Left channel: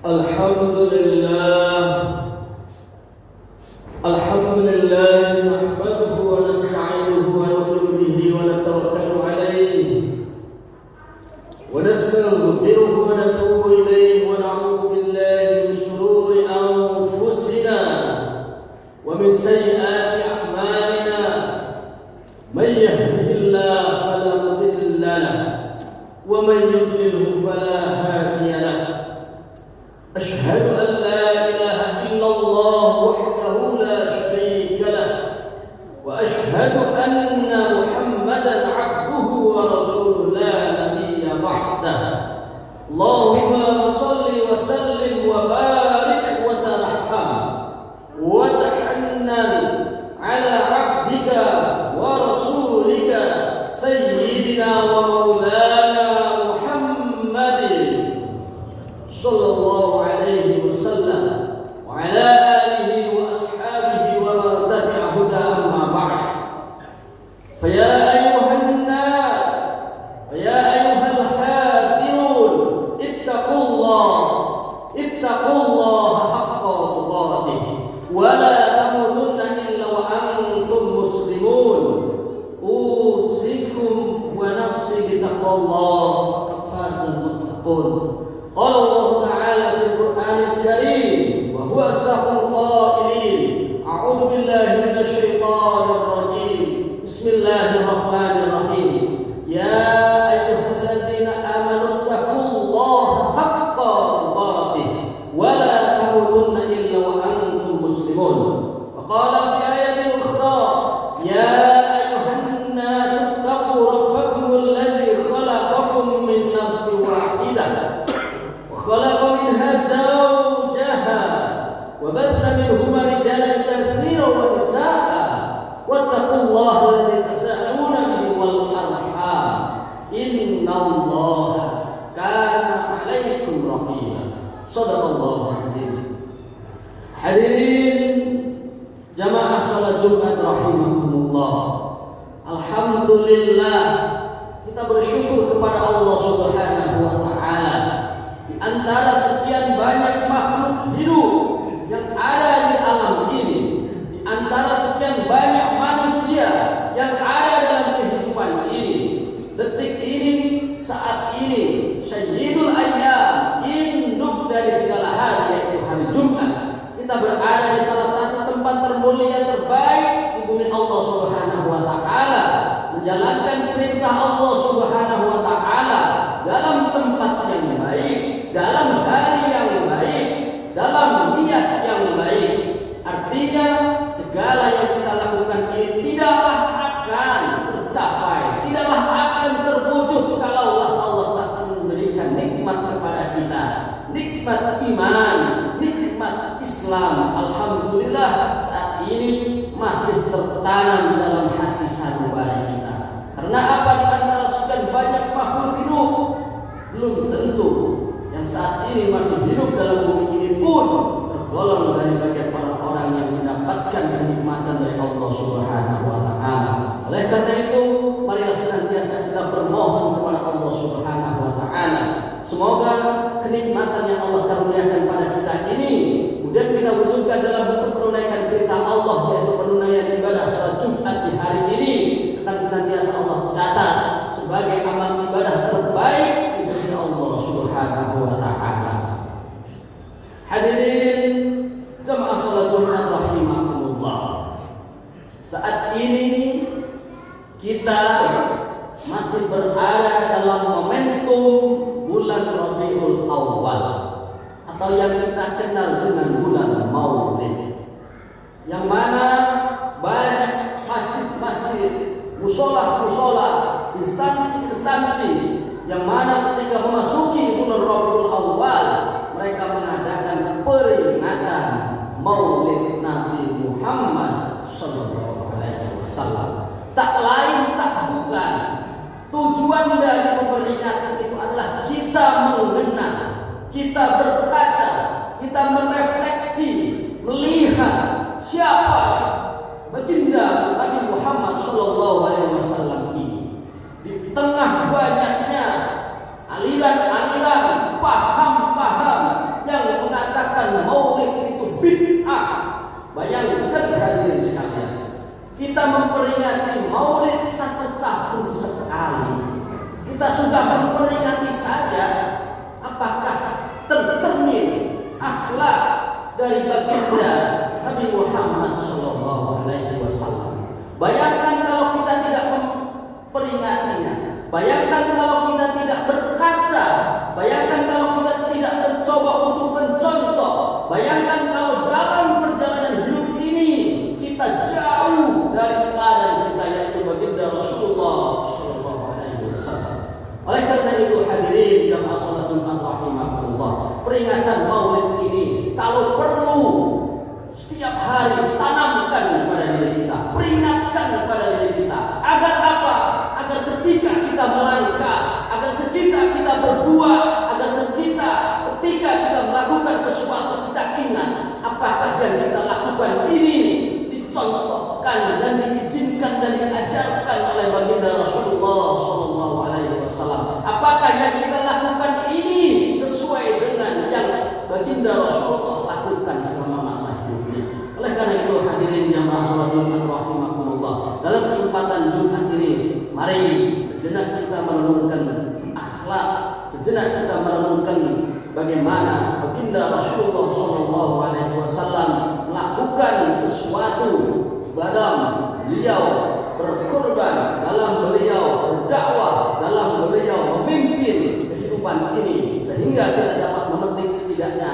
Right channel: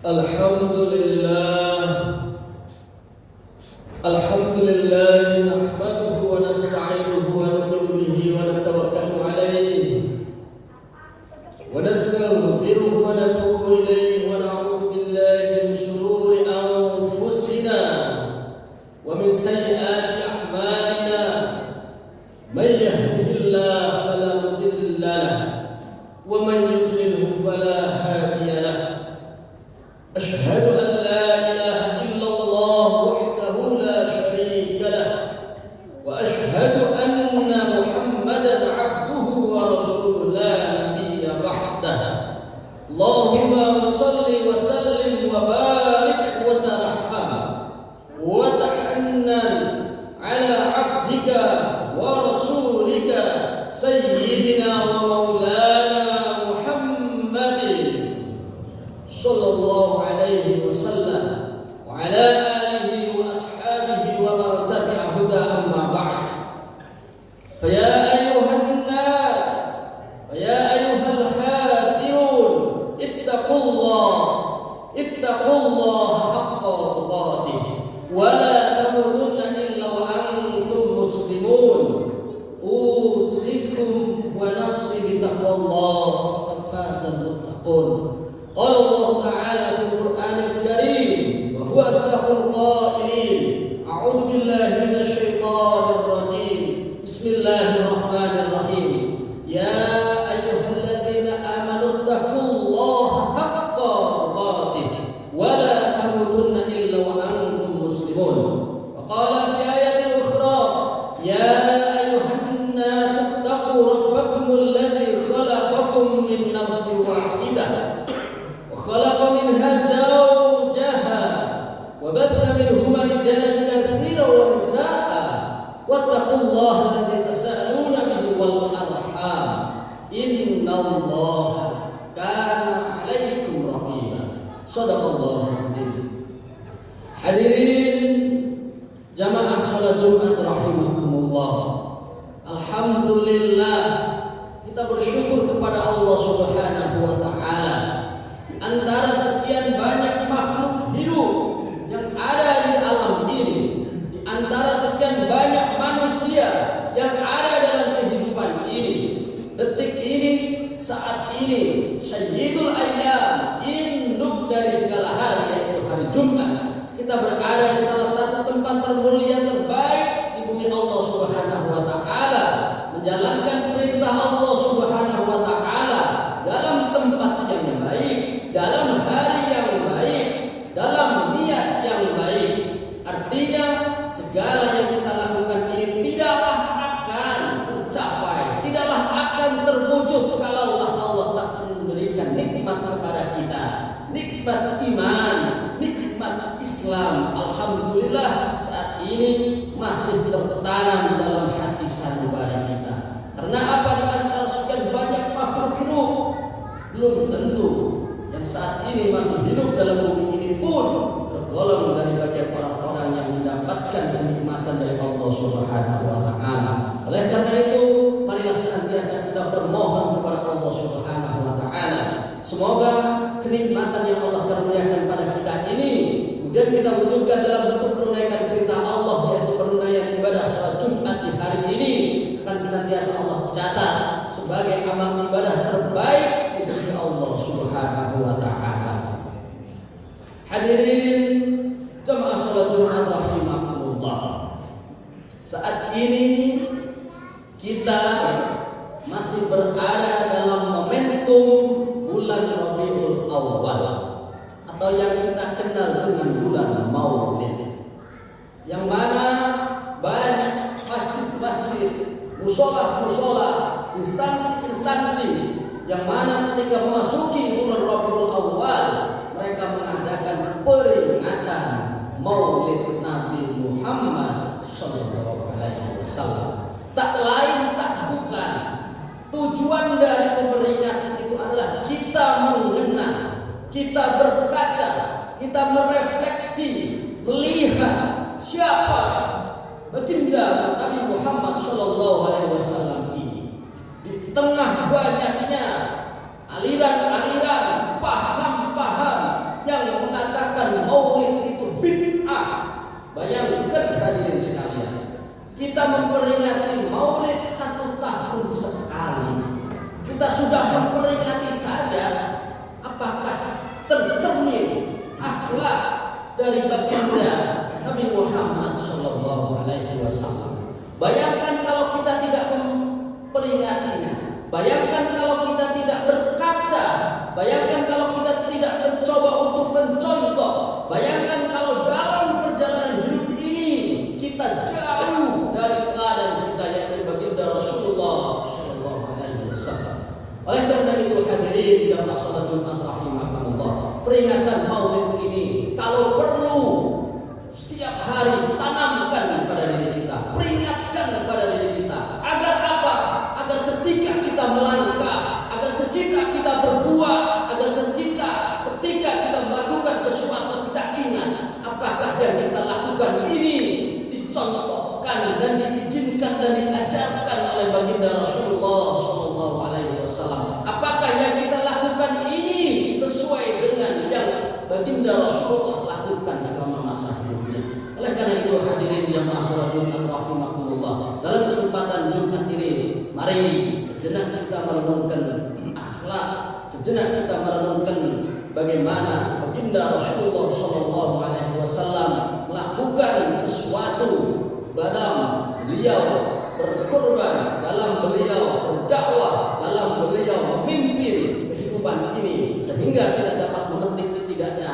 Alhamdulillah nahmaduhu wa nasta'inuhu wa nu'minu bihi wa natawakkalu alayhi wa nastaghfiruhu wa natubu ilayhi wa na'udzu billahi min shururi anfusina wa min sayyiati a'malina may yahdihillahu fala mudilla lahu wa man yudlilhu fala hadiya lahu. Ashhadu an la ilaha illallah wahdahu la syarika lah wa ashhadu anna Muhammadan abduhu wa rasuluhu la nabiyya ba'dah. Allahumma shalli wa sallim wa barik wa tarham wa tahannan ala abdika wa rasulika sayyidina wa maulana Muhammadin sallallahu alaihi wasallam wa ala alihi wa ashabihi wa man tabi'a huda amma ba'd. Fa ya ayyuhan nas wa ya ayyuhal hadirun ittaqullaha haqqa tuqatih wa la tamutunna illa wa antum muslimun. Usikum wa nafsi bitaqwallah faqad fazal muttaqun. Qala Allah Ta'ala fil Qur'anil Karim wa huwa asdaqul qailin. A'udzu billahi minasy syaithanir rajim. Bismillahirrahmanirrahim. Ya ayyuhalladzina amanu taqullaha haqqa tuqatih wa la tamutunna illa wa antum muslimun. Wa qala fi ayatin ukhra ya ayyuhan nas ittaqu rabbakumul ladzi khalaqakum min nafsin wahidah خلق منها زوجها وبث منهما رجالا كثيرا ونساء واتقوا الله الذي تساءلون به والأرحام إن الله كان عليكم رقيبا. Shadaqallahul adzim. Hadirin jamaah salat Jumat rahimakumullah. Alhamdulillah kita bersyukur kepada Allah Subhanahu wa taala. Antara sekian banyak makhluk hidup yang ada di alam ini, di antara sekian banyak manusia yang ada dalam kehidupan ini, detik ini, saat ini, sayyidul ayyam, induk dari segala hari, yaitu hari Jumat, kita berada di salah satu tempat termulia terbaik di bumi Allah Subhanahu wa taala, menjalankan perintah Allah Subhanahu wa taala dalam tempat yang baik, dalam hari yang baik, dalam niat yang baik. Artinya segala yang kita lakukan ini tidaklah akan tercapai, tidaklah akan terwujud kalaulah Allah tak memberikan nikmat kepada kita, nikmat iman, nikmat Islam. Alhamdulillah saat ini masih tertanam dalam hati sanubari kita. Karena apa? Di antara sekian banyak makhluk hidup, belum tentu yang saat ini masih hidup dalam bumi ini pun tergolong dari bagian orang-orang yang mendapatkan kenikmatan dari Allah Subhanahu wa taala. Oleh karena itu, marilah senantiasa kita bermohon kepada Allah Subhanahu wa taala. Semoga kenikmatan yang Allah karuniakan pada kita ini kemudian kita wujudkan dalam bentuk penunaian perintah Allah, yaitu penunaian ibadah salat Jumat di hari ini akan senantiasa Allah catat sebagai amal ibadah terbaik di sisi Allah Subhanahu wa taala. Hadirin jamaah salat Jumat rahimakumullah. Saat ini kita masih berada dalam momentum bulan Rabiul Awal atau yang kita kenal dengan bulan Maulid, yang mana banyak masjid-masjid, musola-musola, instansi-instansi yang mana ketika memasuki bulan Rabiul Awal mereka mengadakan peringatan Maulid Nabi Muhammad sallallahu alaihi wasallam. Tak lain tak bukan, tujuan dari peringatan itu adalah kita mengenang, kita berkaca, kita merefleksi, melihat siapa baginda Nabi Muhammad sallallahu alaihi wasallam ini. Di tengah banyaknya aliran-aliran, paham-paham yang Bayangkan hadirin sekalian, kita memperingati Maulid 1 tahun sekali. Kita sudah memperingati saja, apakah tercermin akhlak dari baginda Nabi Muhammad Sallallahu Alaihi Wasallam? Bayangkan kalau kita tidak memperingatinya. Bayangkan kalau kita tidak berkaca. Bayangkan kalau kita tidak mencoba untuk mencontoh. Bayangkan kalau dalam perjalanan hidup ini kita jauh dari teladan kita, yaitu baginda Rasulullah Sallallahu Alaihi Wasallam. Oleh karena itu hadirin jamaah salat Jumat rahimakumullah, peringatan Maulid ini kalau perlu setiap hari tanamkan pada diri kita, peringatkan pada diri kita, agar apa? Agar ketika kita melangkah, agar ketika kita berbuat, agar ketika kita melakukan sesuatu, kita ingat apakah yang kita lakukan ini dicontohkan dan diizinkan dan diajarkan oleh baginda Rasulullah Sallallahu Alaihi Wasallam. Apakah yang kita lakukan ini sesuai dengan yang baginda Rasulullah lakukan selama masa hidupnya? Oleh karena itu hadirin jamaah salat Jumat rahimakumullah, dalam kesempatan Jumat ini mari sejenak kita merenungkan akhlak, sejenak kita merenungkan bagaimana baginda Rasulullah Sallallahu Alaihi Wasallam melakukan sesuatu dalam beliau berkorban, dalam beliau berdakwah, dalam beliau memimpin kehidupan ini, sehingga kita dapat memetik setidaknya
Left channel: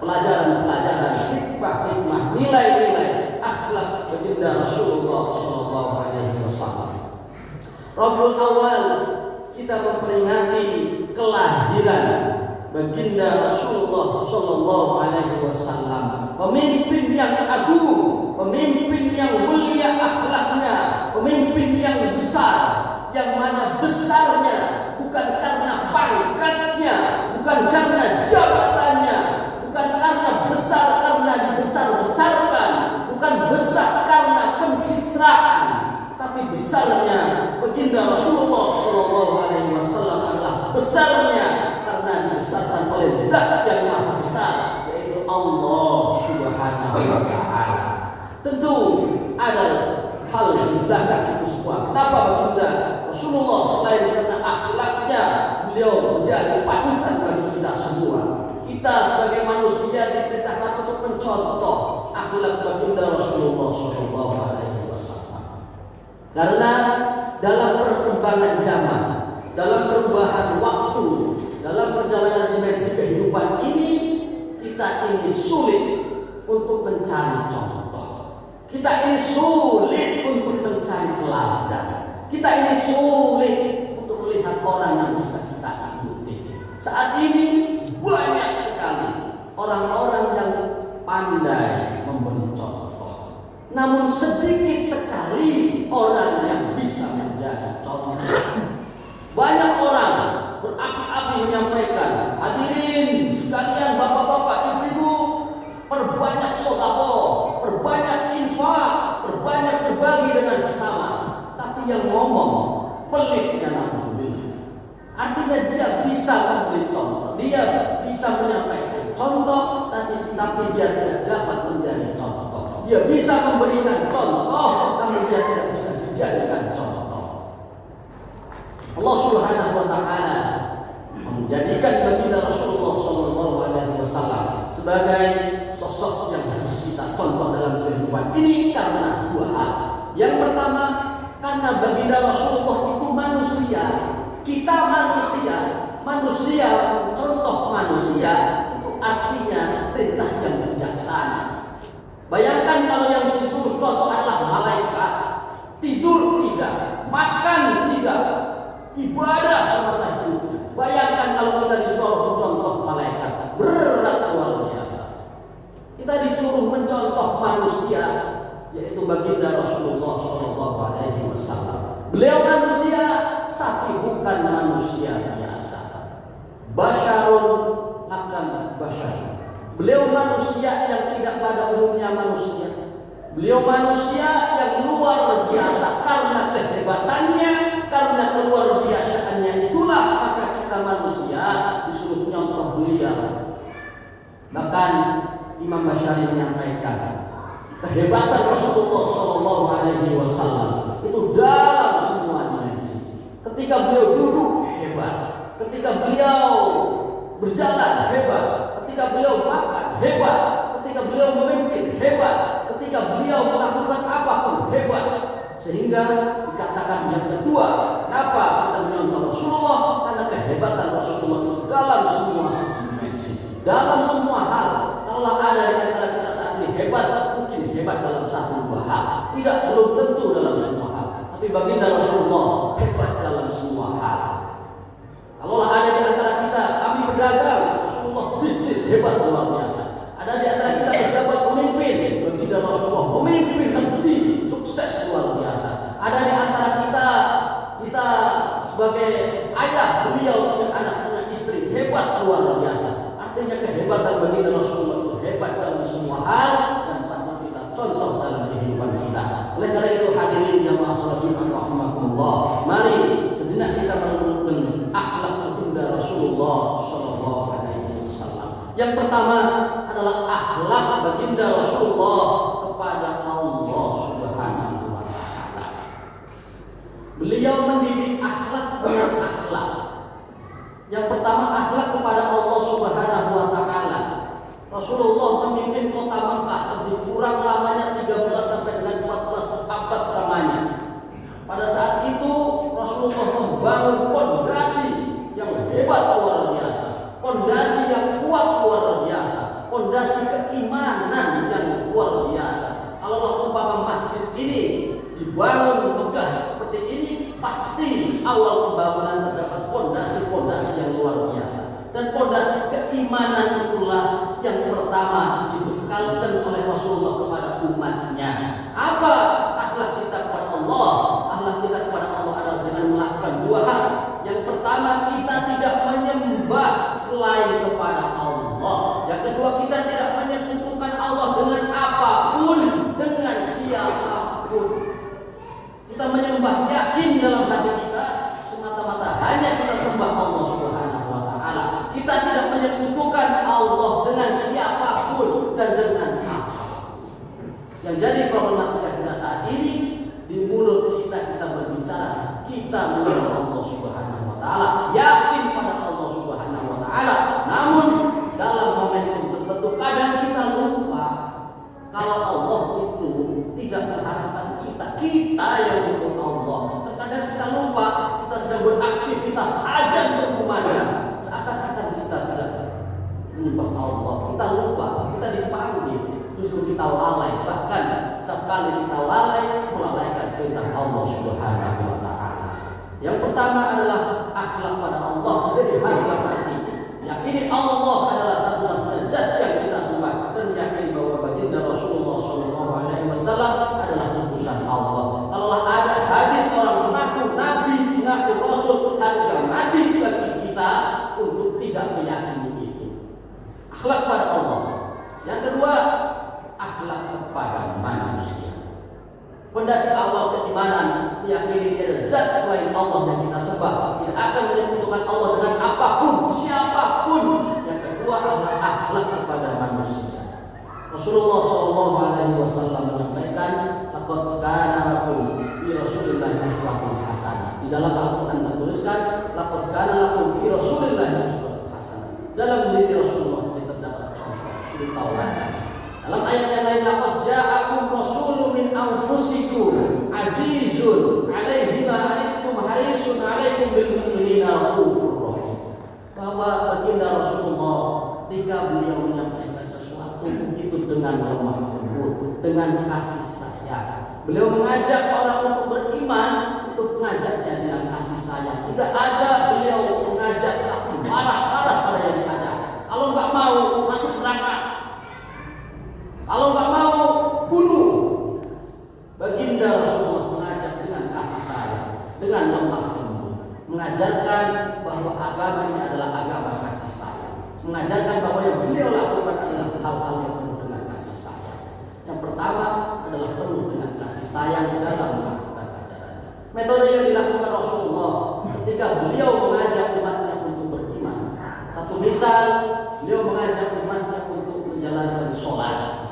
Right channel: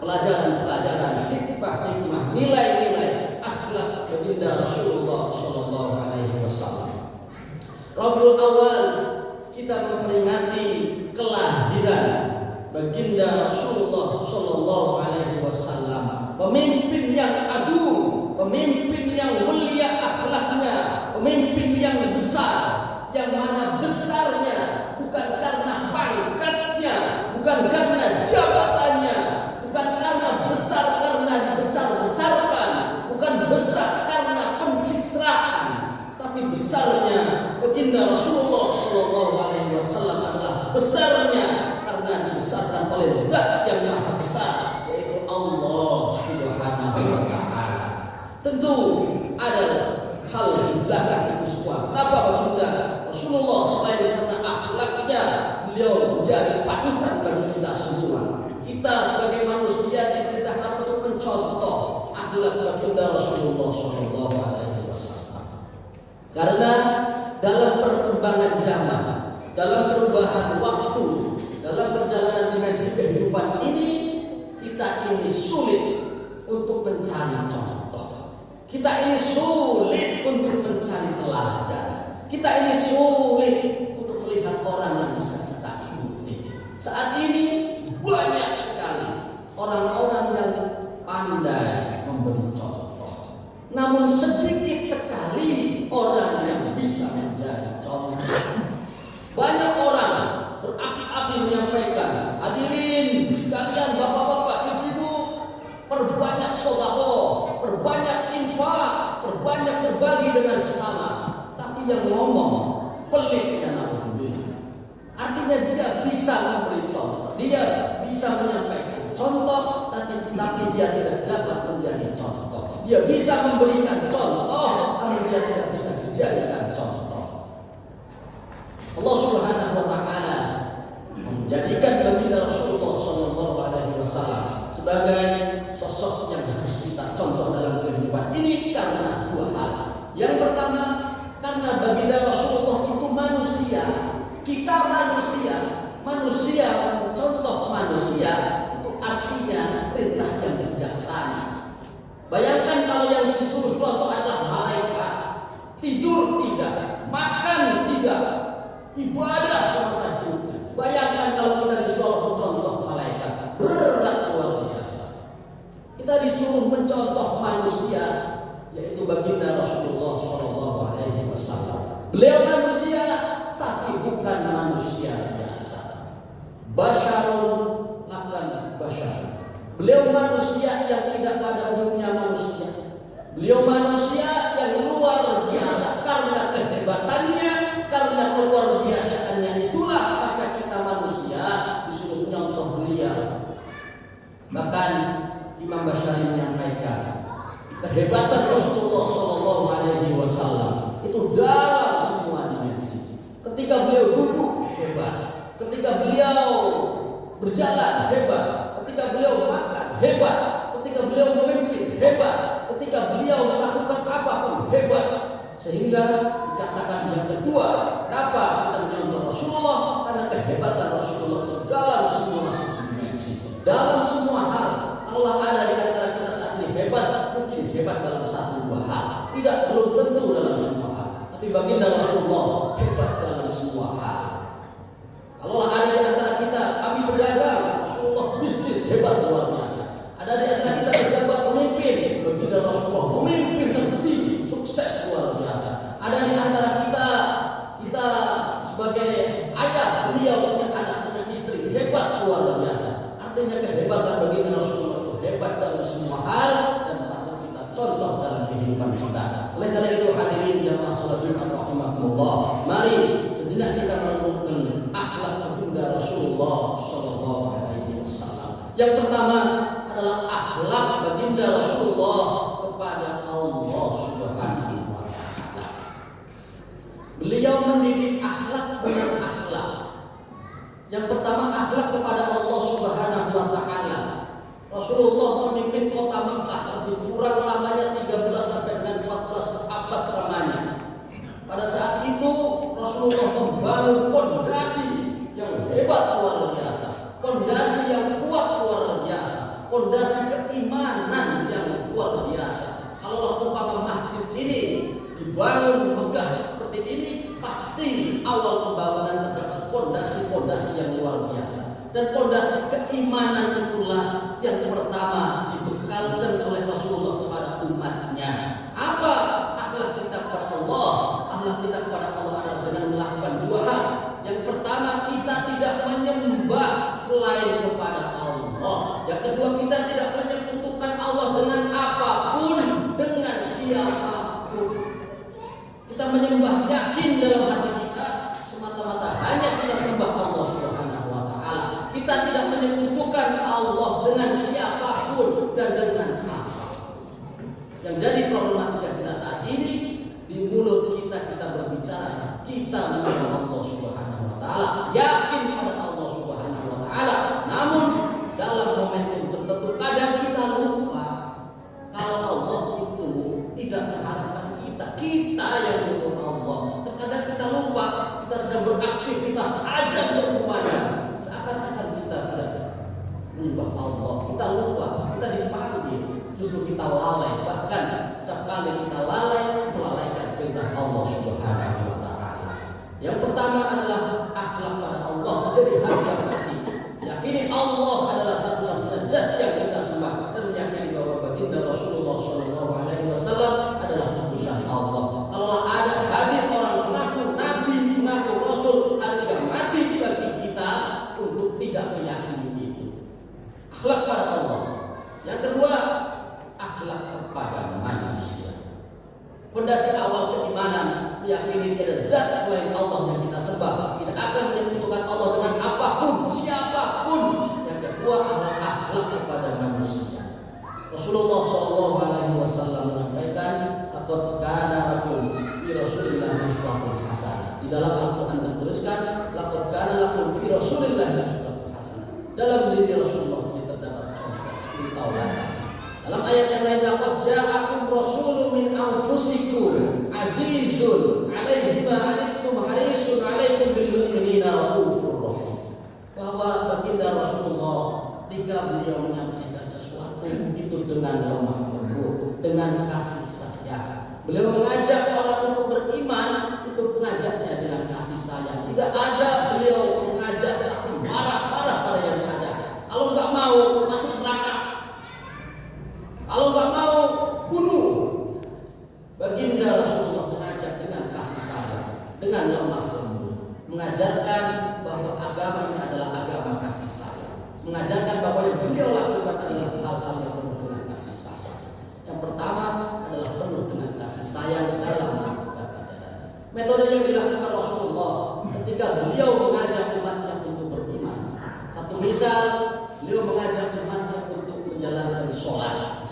pelajaran-pelajaran, hikmah-hikmah, nilai-nilai akhlak baginda Rasulullah Sallallahu Alaihi Wasallam. Rabiul Awal kita memperingati kelahiran baginda Rasulullah Sallallahu Alaihi Wasallam, pemimpin yang agung, pemimpin yang mulia akhlaknya, pemimpin yang besar, yang mana besarnya bukan karena pangkatnya, bukan karena jabatannya, bukan karena besar karena dibesar-besarkan, bukan besar karena pencitraan, tapi besarnya baginda Rasulullah Sallallahu Alaihi Wasallam adalah besarnya karena dibesarkan oleh Zat yang Maha Besar, yaitu Allah Subhanahu wa Ta'ala. Tentu ada hal di belakang itu semua. Kenapa baginda Rasulullah selain karena akhlaknya beliau menjadi panutan bagi kita semua? Kita sebagai manusia diperintahkan untuk mencontoh akhlak baginda Rasulullah Sallallahu Alaihi Wasallam. Karena dalam perkembangan zaman, dalam perubahan waktu, dalam perjalanan dimensi kehidupan ini, kita ini sulit untuk mencari contoh. Kita ini sulit untuk mencari teladan. Kita ini sulit untuk melihat orang yang bisa kita ikuti. Saat ini banyak sekali orang-orang yang pandai memberi contoh, namun sedikit sekali orang yang bisa menjadi contoh. Banyak orang berapi-api menyampaikan, hadirin sekalian, bapak-bapak, ibu-ibu, perbanyak sedekah, perbanyak infak, perbanyak berbagi dengan sesama. Tapi yang ngomong pelitnya naudzubillah. Artinya dia bisa memberi contoh, dia bisa menyampaikan contoh, tapi dia tidak dapat menjadi contoh. Dia bisa memberikan contoh, namun dia tidak bisa dijadikan contoh. Allah Subhanahu wa Ta'ala menjadikan baginda Rasulullah Sallallahu Alaihi Wasallam sebagai sosok yang harus kita contoh dalam kehidupan ini karena dua hal. Yang pertama, karena baginda Rasulullah itu manusia, kita manusia, manusia contoh manusia itu artinya perintah yang bijaksana. Bayangkan kalau yang disuruh contoh adalah malaikat, tidur tidak, makan tidak, ibadah semasa hidupnya. Bayangkan kalau kita disuruh mencontoh malaikat, berat luar biasa. Kita disuruh mencontoh manusia, yaitu baginda Rasulullah Sallallahu Alaihi Wasallam. Beliau manusia, tapi bukan manusia biasa. Basyarun lakan basyar. Beliau manusia yang tidak pada umumnya manusia. Beliau manusia yang luar biasa karena kehebatannya, karena keluar biasaannya itulah maka kita manusia disuruh nyontoh beliau. Bahkan Imam Basyari menyampaikan, kehebatan Rasulullah Shallallahu Alaihi Wasallam itu dalam semua dimensi. Ketika beliau duduk hebat, ketika beliau berjalan hebat, ketika beliau makan hebat, ketika beliau memimpin hebat, ketika beliau melakukan apapun hebat. Sehingga dikatakan yang kedua, kenapa kita menyontoh Rasulullah? Karena kehebatan Rasulullah itu dalam semua dimensi, dalam semua hal. Kalau ada di antara kita saat ini hebat, mungkin hebat dalam satu dua hal, tidak belum tentu dalam semua hal. Tapi baginda Rasulullah hebat dalam semua hal. Kalau ada di antara kita, kami berdagang, Rasulullah bisnis hebat luar biasa. Ada di antara kita pejabat pemimpin, baginda Rasulullah memimpin negeri sukses luar biasa. Ada di antara kita sebagai ayah, beliau punya anak, punya istri hebat luar biasa. Artinya kehebatan baginda Rasulullah itu hebat dalam semua hal dan patut kita contoh dalam kehidupan kita. Oleh karena itu hadirin jamaah salat Jumat rahimakumullah, mari sejenak kita merenungkan akhlak baginda Rasulullah sallallahu alaihi wasallam. Yang pertama adalah akhlak baginda Rasulullah kepada Allah Subhanahu wa taala. Beliau mendidik akhlak dengan akhlak. Yang pertama akhlak kepada Allah Subhanahu wa taala. Rasulullah memimpin kota Makkah lebih kurang lamanya 13 sampai dengan 14 abad lamanya. Pada saat itu Rasulullah membangun pondasi yang hebat luar biasa, pondasi yang kuat luar biasa, pondasi keimanan yang luar biasa. Kalau umpama masjid ini dibangun megah seperti ini, pasti awal pembangunan terdapat pondasi-pondasi yang luar biasa. Dan pondasi keimanan itulah yang pertama dibekalkan oleh Rasulullah kepada umatnya. Apa akhlak kita kepada Allah? Akhlak kita kepada Allah adalah dengan melakukan dua hal. Yang pertama, kita tidak menyembah selain kepada Allah. Yang kedua, kita tidak menyekutukan Allah dengan apapun, dengan siapapun. Kita menyembah yakin dalam hati kita semata-mata hanya kita sembah Allah Subhanahu wa taala. Kita tidak menyekutukan Allah dengan siapapun dan dengan apapun. Yang jadi problematika kita saat ini, di mulut kita berbicara, kita menyembah Allah Subhanahu wa taala, yakin pada Allah Subhanahu wa taala. Namun dalam momentum tertentu kadang kita lupa kalau Allah itu tidak mengharapkan kita yang butuh Allah. Terkadang kita lupa, kita sedang beraktivitas aja berkumandang, seakan-akan kita tidak menyembah Allah. Kita lupa, kita dipanggil, justru kita lalai. Bahkan setiap kali kita lalai, melalaikan perintah Allah Subhanahu wa taala. Yang pertama adalah akhlak pada Allah menjadi harga mati. Yakini Allah adalah satu-satunya zat yang kita sembah dan yakini bahwa baginda Rasulullah sallallahu alaihi wasallam adalah utusan Allah. Kalau ada hadir orang mengaku nabi, mengaku rasul, harga mati bagi kita untuk tidak meyakini itu. Akhlak pada Allah. Yang kedua, akhlak kepada manusia. Fondasi awal keimanan meyakini tiada zat selain Allah yang kita sembah, tidak akan menyekutukan Allah dengan apapun, siapapun. Yang kedua adalah akhlak kepada manusia. Rasulullah sallallahu alaihi wasallam menyampaikan, "Laqad kana lakum fi Rasulillah uswatun hasanah." Di dalam Al-Qur'an tertuliskan, "Laqad kana lakum fi Rasulillah uswatun hasanah." Dalam diri Rasulullah terdapat contoh suri tauladan. Dalam ayat yang lain, "Laqad ja'akum rasulun min anfusikum azizun 'alaihi ma 'anittum harisun 'alaikum bil mu'minina raufur rahim." Bahwa baginda Rasulullah ketika beliau menyampaikan sesuatu itu dengan lemah lembut, dengan kasih sayang. Beliau mengajak orang untuk beriman, itu mengajaknya dengan kasih sayang. Tidak ada beliau mengajak marah-marah pada yang diajak. Kalau nggak mau masuk neraka, kalau nggak mau bunuh. Baginda Rasulullah mengajak dengan kasih sayang, dengan lemah lembut, mengajarkan bahwa agama ini adalah agama kasih sayang, mengajarkan bahwa yang beliau lakukan adalah hal-hal yang penuh dengan kasih sayang. Yang pertama adalah penuh dengan kasih sayang dalam melakukan ajarannya. Metode yang dilakukan Rasulullah ketika beliau mengajak umatnya untuk beriman. Satu misal, beliau mengajak umatnya untuk menjalankan sholat.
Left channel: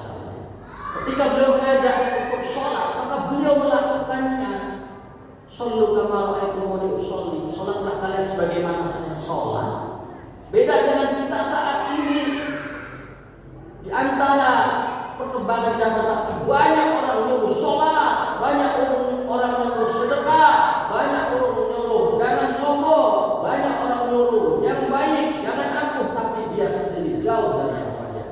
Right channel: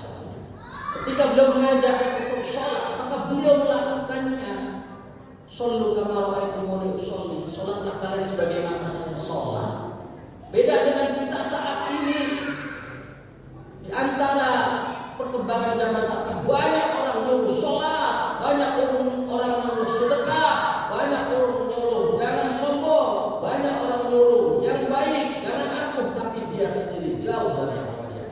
Ketika ketika beliau mengajak untuk sholat, maka beliau melakukannya. Shollu kama ra'aitumuni usolli. Sholatlah kalian sebagaimana saya sholat. Beda dengan kita saat ini. Di antara perkembangan zaman saat ini, banyak orang nyuruh sholat, banyak orang nyuruh sedekah, banyak orang nyuruh jangan sombong, banyak orang nyuruh yang baik, jangan angkuh, tapi dia sendiri jauh dari apa dia.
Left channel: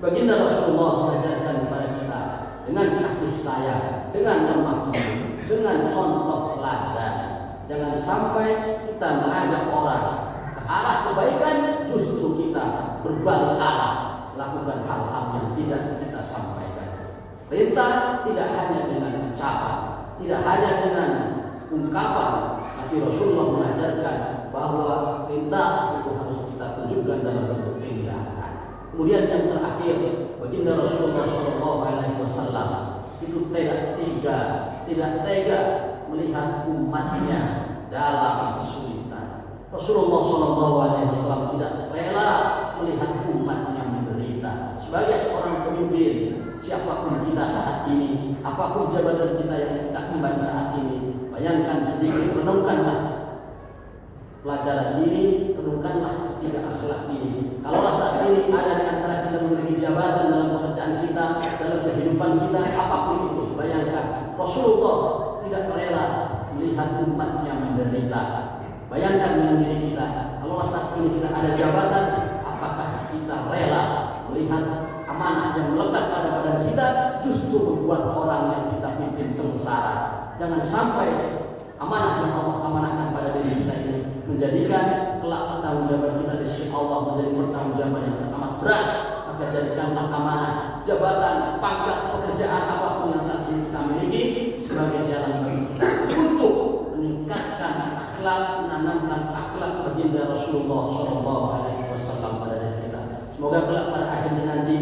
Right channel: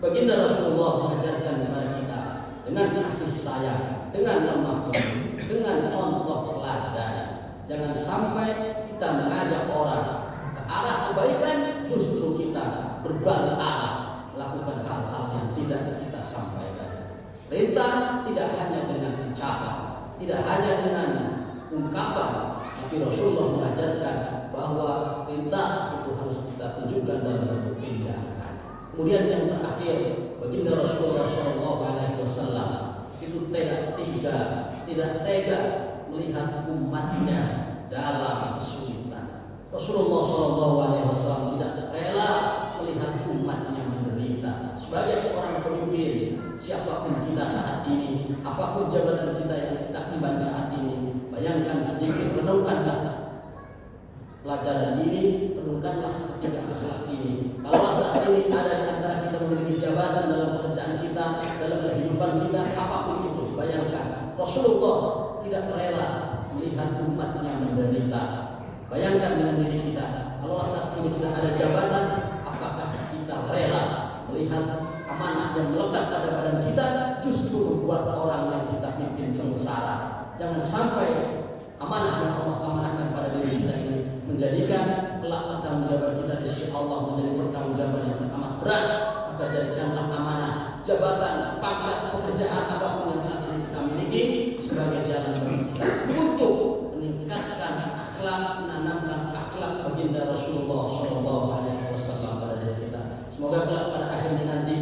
Baginda Rasulullah mengajarkan kepada kita dengan kasih sayang, dengan lemah lembut, dengan contoh teladan. Jangan sampai kita mengajak orang ke arah kebaikan, justru kita berbalik arah, lakukan hal-hal yang tidak kita sampaikan. Perintah tidak hanya dengan ucapan, tidak hanya dengan ungkapan, tapi Rasulullah mengajarkan bahwa perintah itu harus kita tunjukkan dalam bentuk tindakan. Kemudian yang terakhir, baginda Rasulullah SAW itu tidak tega melihat umatnya dalam kesulitan. Rasulullah SAW tidak rela melihat umatnya menderita. Sebagai seorang pemimpin, siapapun kita saat ini, apapun jabatan kita yang kita emban saat ini, bayangkan sedikit, renungkanlah pelajaran ini, renungkanlah ketiga akhlak ini. Kalau saat ini ada di antara kita memiliki jabatan dalam pekerjaan kita, dalam kehidupan kita, apapun itu, bayangkan Rasulullah tidak rela melihat umatnya menderita. Bayangkan dengan diri kita, kalau saat ini kita ada jabatan, apakah kita rela melihat amanah yang melekat pada badan kita justru membuat orang yang kita pimpin sengsara? Jangan sampai amanah yang Allah amanahkan pada diri kita ini menjadikan kelak pertanggungjawaban kita di sisi Allah menjadi pertanggungjawaban yang teramat berat. Maka jadikanlah amanah, jabatan, pangkat, pekerjaan apapun yang saat ini kita miliki sebagai jalan bagi kita untuk meningkatkan akhlak, menanamkan akhlak baginda Rasulullah SAW pada diri kita. Semoga kelak pada akhirnya nanti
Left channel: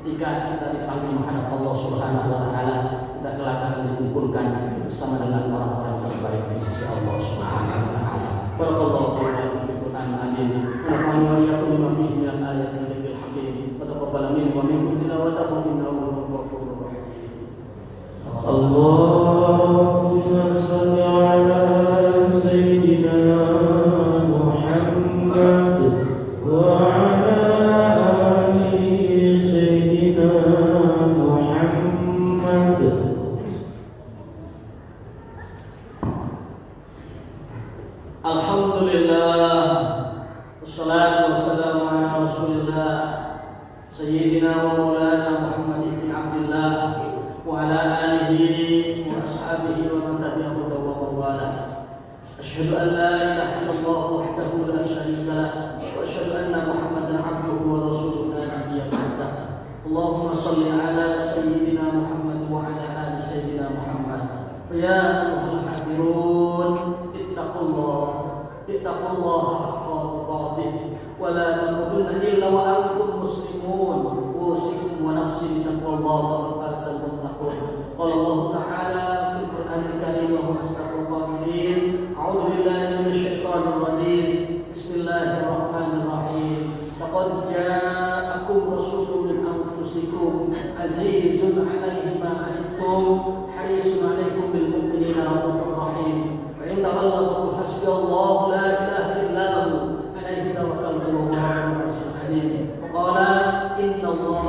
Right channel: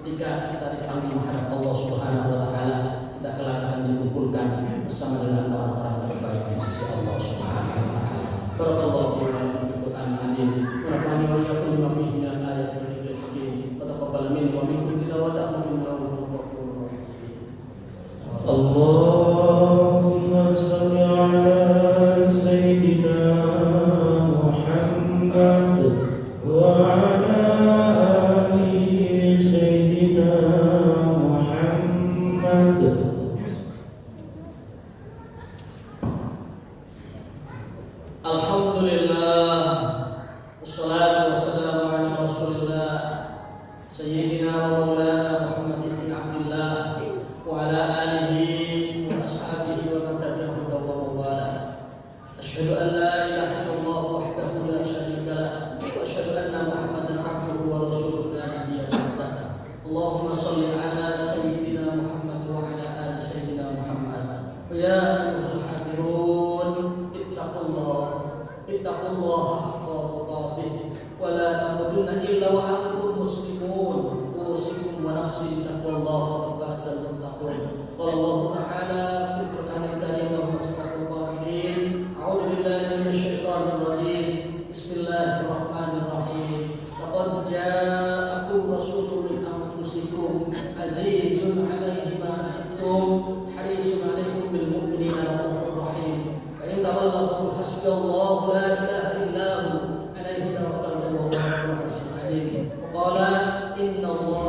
ketika kita dipanggil menghadap Allah Subhanahu Wa Taala, kita kelak akan dikumpulkan bersama dengan orang-orang terbaik di sisi Allah Subhanahu Wa Taala. Barakallahu fiikum fil Qur'anil Azim. Nafa'ani wa iyyakum bima fihi min al-ayati wa dzikril hakim. Wa taqabbal minni wa minkum tilawatahu innahu ghafurur rahim. Allahumma shalli ala sayyidina Muhammad wa ala ali sayyidina Muhammad. Alhamdulillah, wassalatu wassalamu ala rasulillah sayyidina wa maulana Muhammad ibn Abdullah wa ala alihi wa ashabihi wa man tabi'ahum wa wala. Asyhadu an la ilaha illallah wahdahu la syarika lah wa asyhadu anna Muhammadan abduhu wa rasuluhu la nabiyya ba'dah. Allahumma shalli ala sayyidina Muhammad wa ala ali sayyidina Muhammad. Ya ayyuhal hadirun, ittaqullah haqqa tuqatih wa la tamutunna illa wa antum muslimun. Usikum wa nafsi bittaqwallah faqad fazal muttaqun. Qala Allah Ta'ala fil Qur'anil Karim wa huwa asdaqul qa'ilin. A'udzu billahi minasy syaithanir rajim. Bismillahirrahmanirrahim. Laqad ja'akum rasulun min anfusikum azizun 'alaihi ma anittum harisun 'alaikum bil mu'minina raufur rahim. فإن تولوا فقل حسبي الله لا إله إلا هو عليه توكلت وهو رب العرش العظيم. وقال إن الله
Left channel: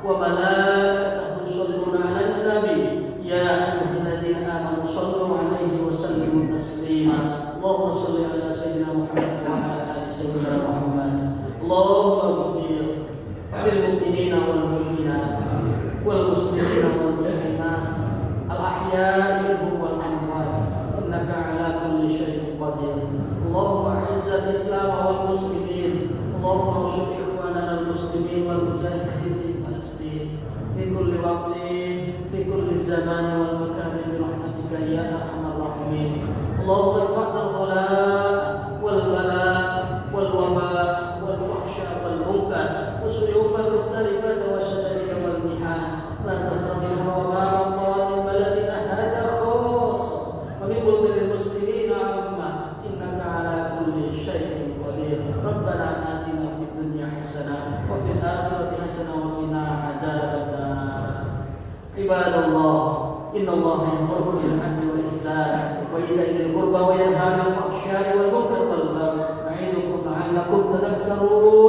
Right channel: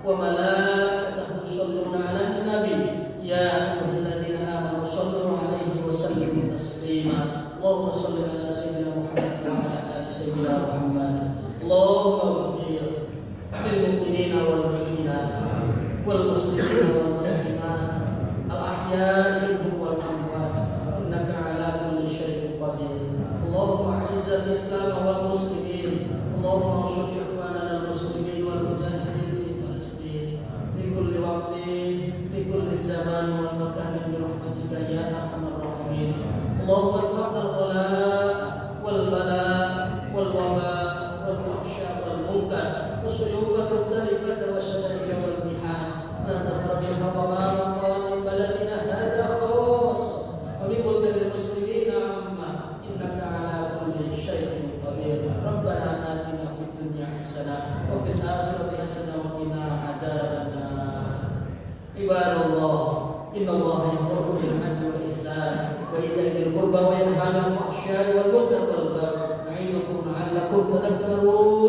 وملائكته يصلون على النبي يا أيها الذين آمنوا صلوا عليه وسلموا تسليما. اللهم صل على سيدنا محمد وعلى آل سيدنا محمد. اللهم اغفر للمؤمنين والمؤمنات والمسلمين والمسلمات الأحياء منهم والأموات إنك على كل شيء قدير. اللهم أعز الإسلام والمسلمين. اللهم انصر إخواننا المسلمين والمجاهدين في فلسطين في كل وقت في كل الزمان والمكان برحمتك يا أرحم الراحمين. اللهم ارفع الغلاء والبلاء والوباء والفحشاء والمنكر والسيوف المختلفة والشدائد والمحن ما ظهر منها وما بطن من بلدنا هذا خاصة ومن بلدان المسلمين عامة إنك على كل شيء قدير. ربنا آتنا في الدنيا حسنة وفي الآخرة حسنة وقنا عذاب النار. Ibadallah, innallaha ya'muru bil 'adli wal ihsan wa ita'i dzil qurba wa yanha 'anil fahsya'i wal munkari wal baghi ya'idukum la'allakum tadhakkarun.